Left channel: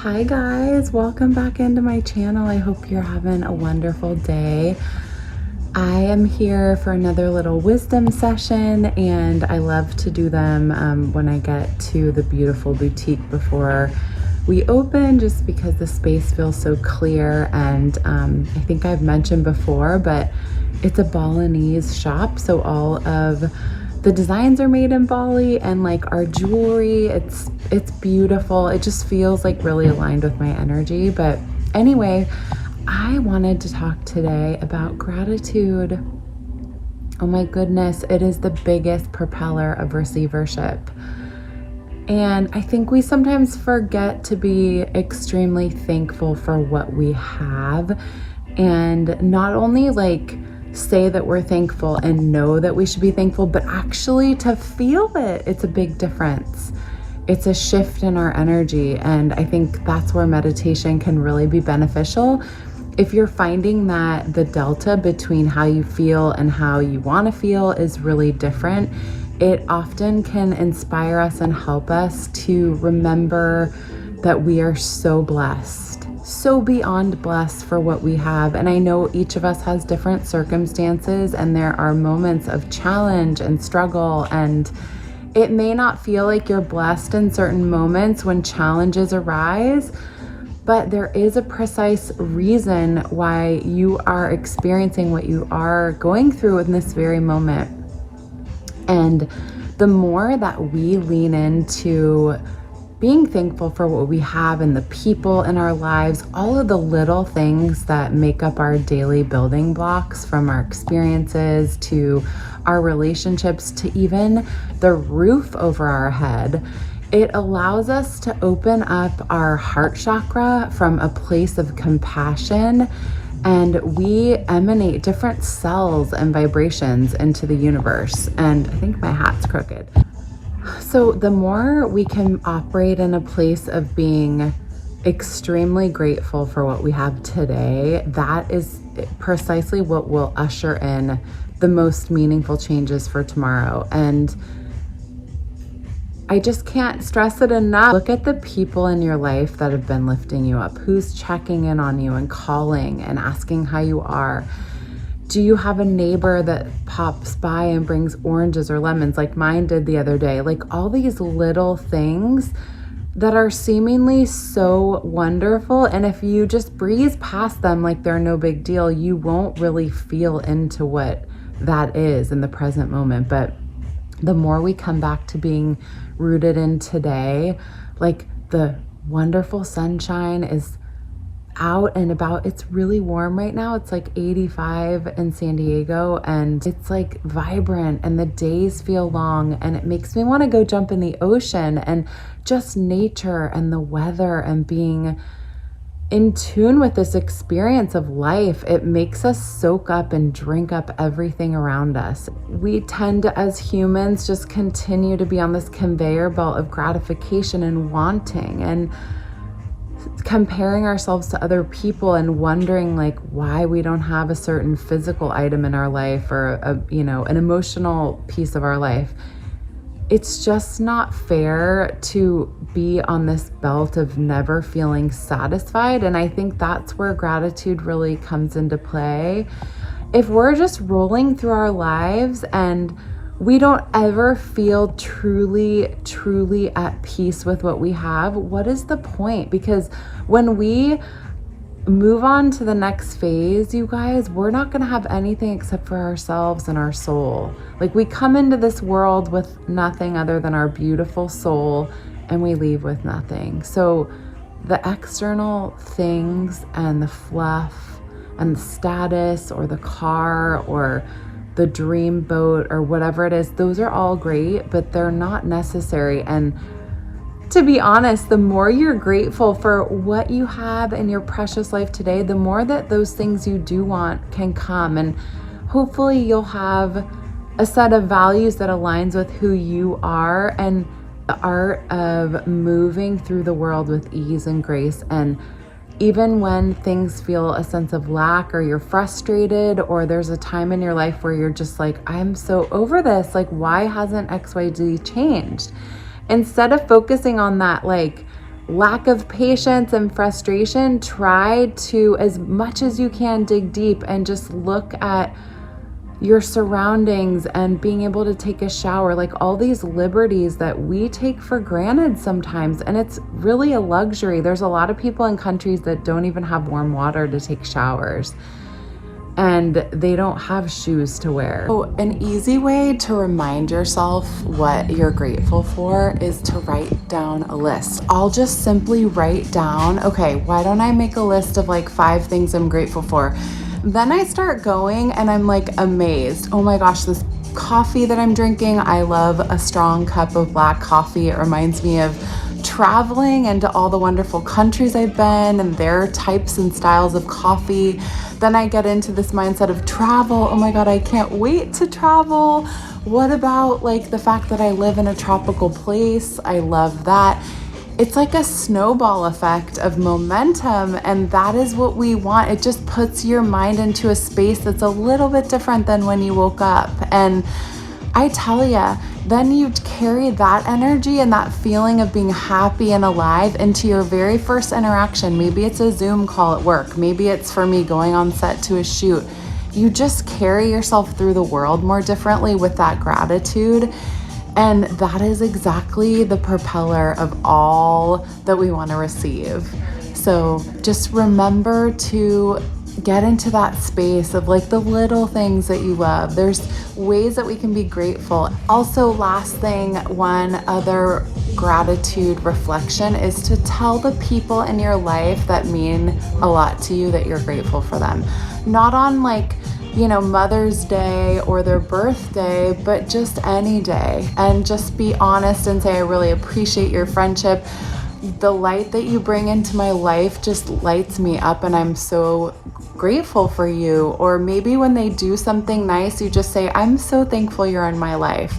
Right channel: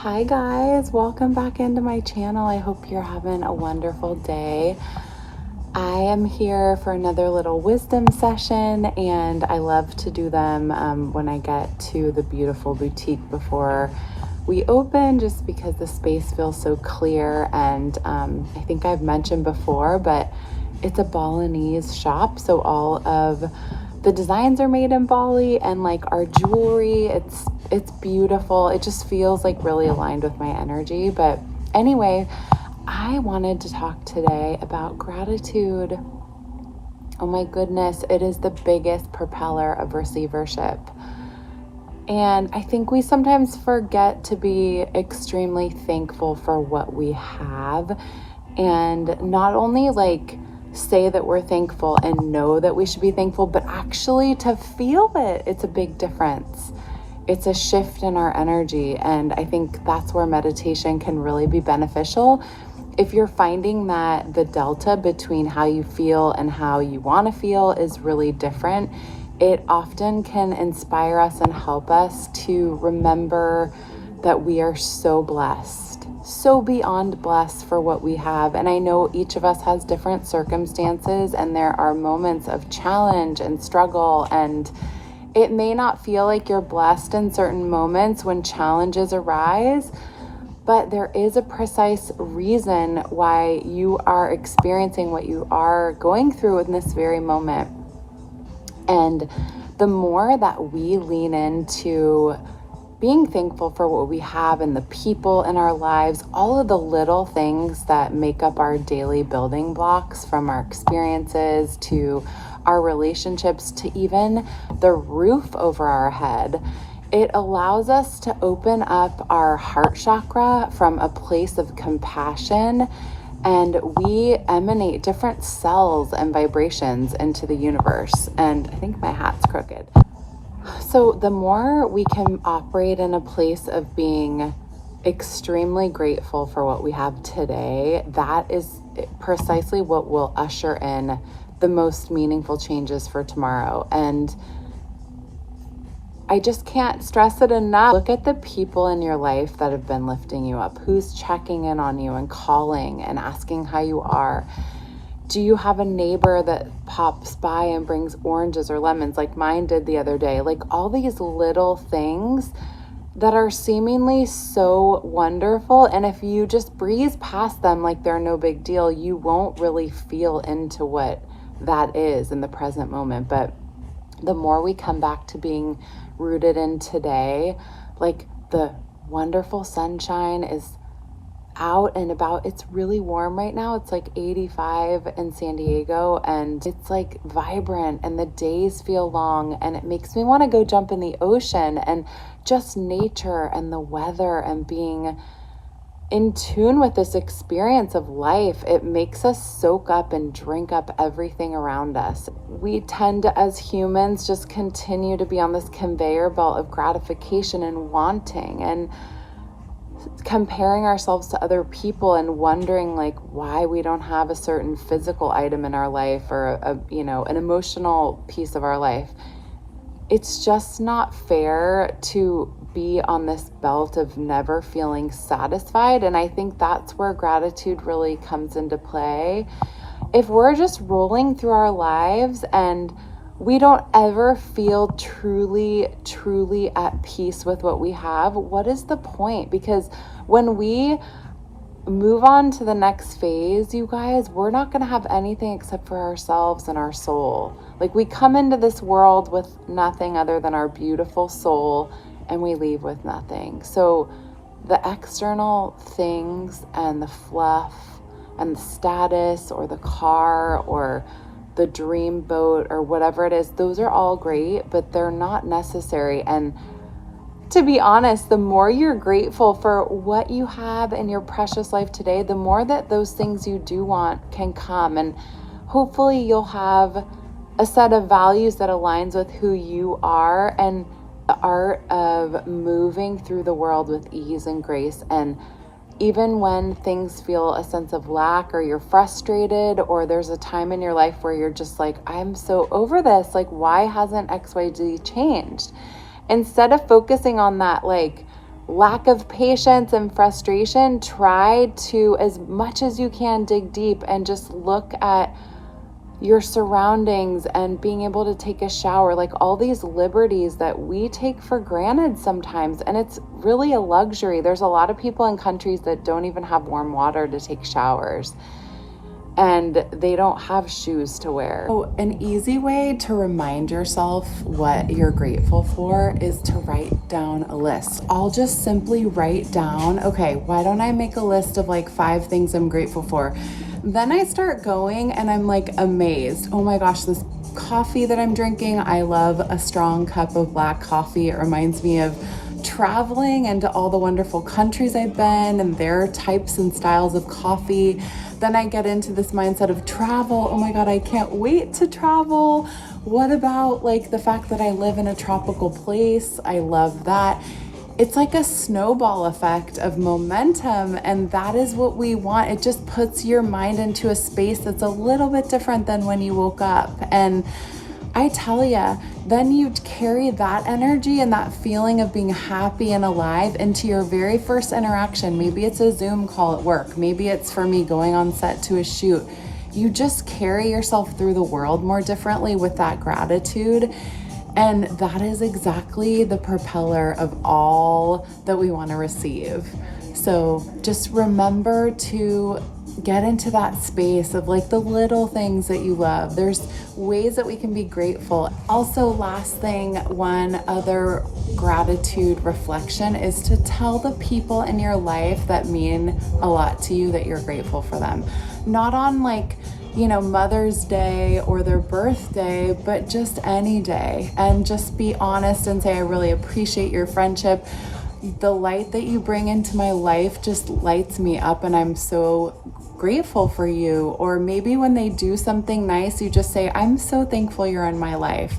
Hi guys, welcome back into my channel. I hope you're having a wonderful day. I am here for another little wisdom session, and I love to do them when I get to the beautiful boutique before we open, just because the space feels so clear. And I think I've mentioned before, but it's a Balinese shop, so all of the designs are made in Bali, and like our jewelry, it's beautiful. It just feels like really aligned with my energy. But anyway, I wanted to talk today about gratitude. Oh my goodness, it is the biggest propeller of receivership. And I think we sometimes forget to be extremely thankful for what we have, and not only like say that we're thankful and know that we should be thankful, but actually to feel it. It's a big difference. It's a shift in our energy. And I think that's where meditation can really be beneficial. If you're finding that the delta between how you feel and how you want to feel is really different, it often can inspire us and help us to remember that we are so blessed, so beyond blessed for what we have. And I know each of us has different circumstances, and there are moments of challenge and struggle, and it may not feel like you're blessed in certain moments when challenges arise, but there is a precise reason why you are experiencing what you are going through in this very moment. And the more that we lean into being thankful for what we have and the people in our lives, all of the little things that make up our daily building blocks, from our experiences to our relationships to even the roof over our head, it allows us to open up our heart chakra from a place of compassion, and we emanate different cells and vibrations into the universe. And I think my hat's crooked. So the more we can operate in a place of being extremely grateful for what we have today, that is precisely what will usher in the most meaningful changes for tomorrow. And I just can't stress it enough. Look at the people in your life that have been lifting you up. Who's checking in on you and calling and asking how you are? Do you have a neighbor that pops by and brings oranges or lemons like mine did the other day? Like all these little things that are seemingly so wonderful. And if you just breeze past them like they're no big deal, you won't really feel into what that is in the present moment. But the more we come back to being rooted in today, like the wonderful sunshine is out and about. It's really warm right now. It's like 85 in San Diego, and it's like vibrant, and the days feel long, and it makes me want to go jump in the ocean. And just nature and the weather and being in tune with this experience of life, it makes us soak up and drink up everything around us. We tend to, as humans, just continue to be on this conveyor belt of gratification and wanting and comparing ourselves to other people and wondering like why we don't have a certain physical item in our life, or an emotional piece of our life. It's just not fair to be on this belt of never feeling satisfied. And I think that's where gratitude really comes into play. If we're just rolling through our lives and we don't ever feel truly at peace with what we have, what is the point? Because when we move on to the next phase, you guys, we're not going to have anything except for ourselves and our soul. Like, we come into this world with nothing other than our beautiful soul, and we leave with nothing. So the external things and the fluff and the status or the car or the dream boat or whatever it is, those are all great, but they're not necessary. And to be honest, the more you're grateful for what you have in your precious life today, the more that those things you do want can come. And hopefully you'll have a set of values that aligns with who you are, and the art of moving through the world with ease and grace. And even when things feel a sense of lack, or you're frustrated, or there's a time in your life where you're just like, I'm so over this, like, why hasn't XYZ changed? Instead of focusing on that like lack of patience and frustration, try to, as much as you can, dig deep and just look at your surroundings and being able to take a shower, like all these liberties that we take for granted sometimes. And it's really a luxury. There's a lot of people in countries that don't even have warm water to take showers, and they don't have shoes to wear. So an easy way to remind yourself what you're grateful for is to write down a list. I'll just simply write down, okay, why don't I make a list of like 5 things I'm grateful for? Then I start going and I'm like amazed. Oh my gosh, this coffee that I'm drinking, I love a strong cup of black coffee. It reminds me of traveling and to all the wonderful countries I've been and their types and styles of coffee. Then I get into this mindset of travel. Oh my God, I can't wait to travel. What about like the fact that I live in a tropical place? I love that. It's like a snowball effect of momentum, and that is what we want. It just puts your mind into a space that's a little bit different than when you woke up. And I tell ya, then you carry that energy and that feeling of being happy and alive into your very first interaction. Maybe it's a Zoom call at work. Maybe it's for me going on set to a shoot. You just carry yourself through the world more differently with that gratitude. And that is exactly the propeller of all that we want to receive. So just remember to get into that space of like the little things that you love. There's ways that we can be grateful. Also, last thing, one other gratitude reflection is to tell the people in your life that mean a lot to you that you're grateful for them. Not on like, you know, Mother's Day or their birthday, but just any day. And just be honest and say, I really appreciate your friendship. The light that you bring into my life just lights me up, and I'm so grateful for you. Or maybe when they do something nice, you just say, I'm so thankful you're in my life.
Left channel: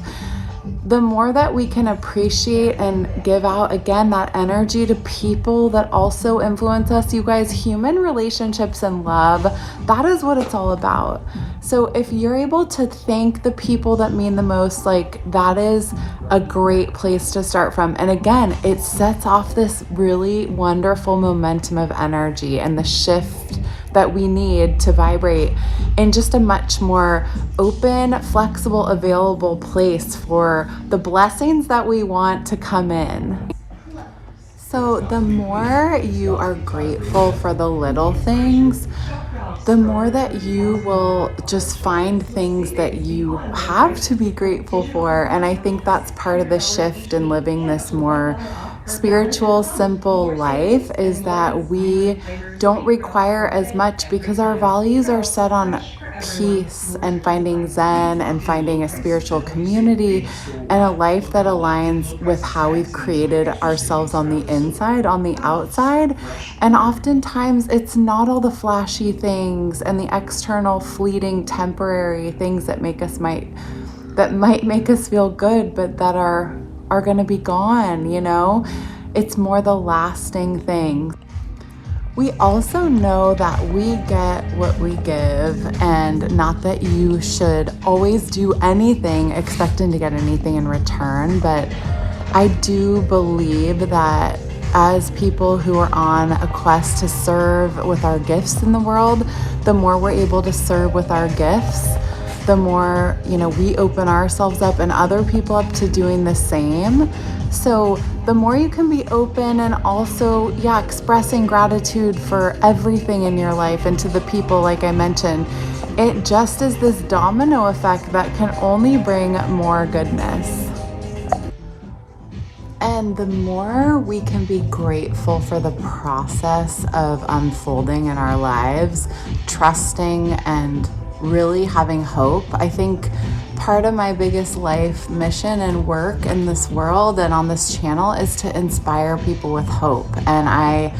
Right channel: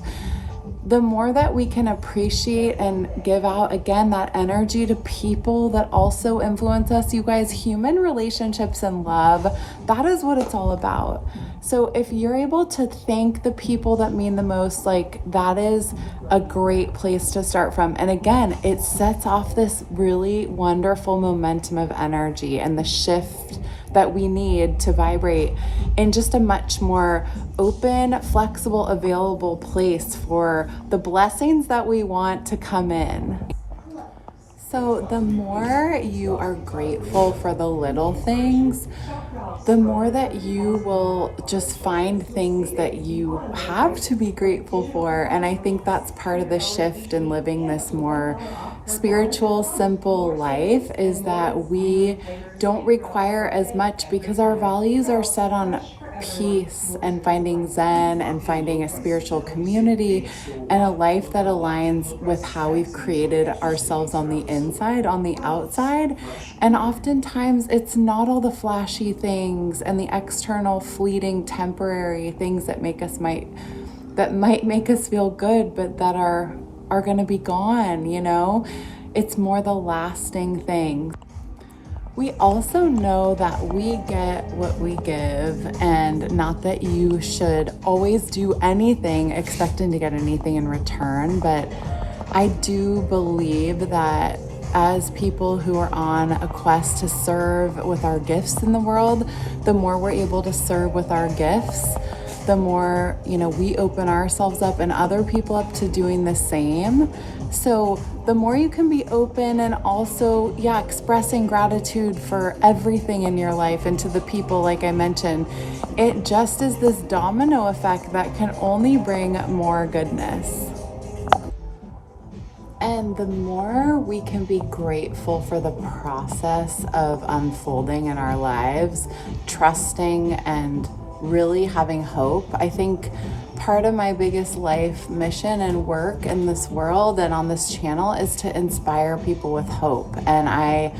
The more that we can appreciate and give out, again, that energy to people that also influence us, you guys, human relationships and love, that is what it's all about. So if you're able to thank the people that mean the most, like that is a great place to start from. And again, it sets off this really wonderful momentum of energy and the shift that we need to vibrate in just a much more open, flexible, available place for the blessings that we want to come in. So the more you are grateful for the little things, the more that you will just find things that you have to be grateful for. And I think that's part of the shift in living this more spiritual, simple life, is that we don't require as much because our values are set on peace and finding Zen and finding a spiritual community and a life that aligns with how we've created ourselves on the inside, on the outside. And oftentimes it's not all the flashy things and the external fleeting temporary things that might make us feel good, but that are going to be gone, you know? It's more the lasting things. We also know that we get what we give, and not that you should always do anything expecting to get anything in return, but I do believe that as people who are on a quest to serve with our gifts in the world, the more we're able to serve with our gifts, the more, you know, we open ourselves up and other people up to doing the same. So the more you can be open and also, expressing gratitude for everything in your life and to the people, like I mentioned, it just is this domino effect that can only bring more goodness. And the more we can be grateful for the process of unfolding in our lives, trusting and really having hope. I think part of my biggest life mission and work in this world and on this channel is to inspire people with hope. And I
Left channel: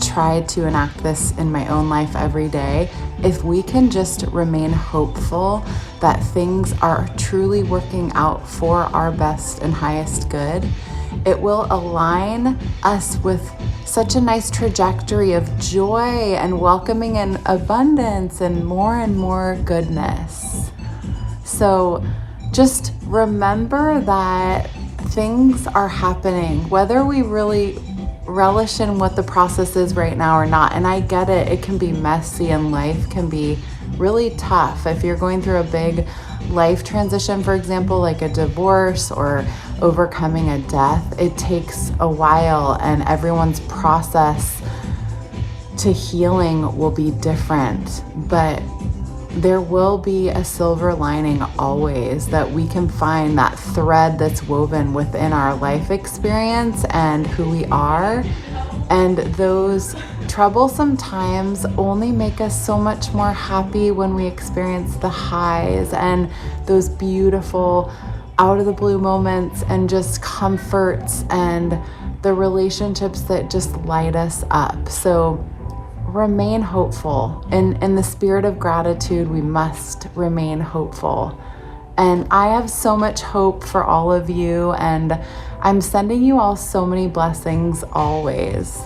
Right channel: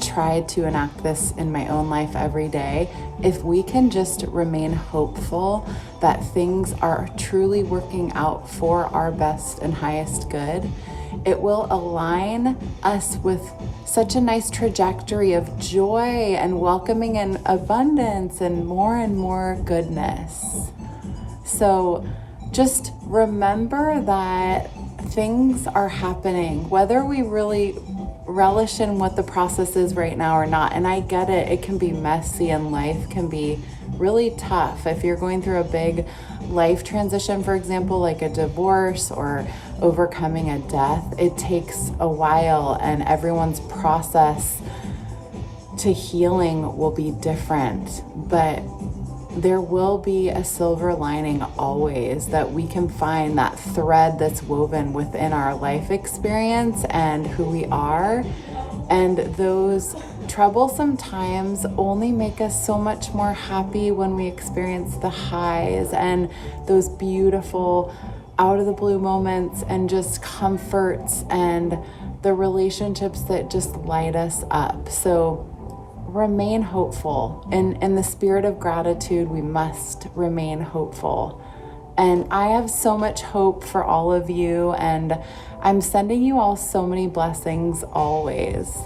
try to enact this in my own life every day. If we can just remain hopeful that things are truly working out for our best and highest good, it will align us with such a nice trajectory of joy and welcoming and abundance and more goodness. So just remember that things are happening, whether we really relish in what the process is right now or not. And I get it, it can be messy and life can be really tough. If you're going through a big life transition, for example, like a divorce or overcoming a death, it takes a while, and everyone's process to healing will be different. But there will be a silver lining always, that we can find that thread that's woven within our life experience and who we are. And those troublesome times only make us so much more happy when we experience the highs and those beautiful out of the blue moments and just comforts and the relationships that just light us up. So remain hopeful. In the spirit of gratitude, we must remain hopeful. And I have so much hope for all of you, and I'm sending you all so many blessings always.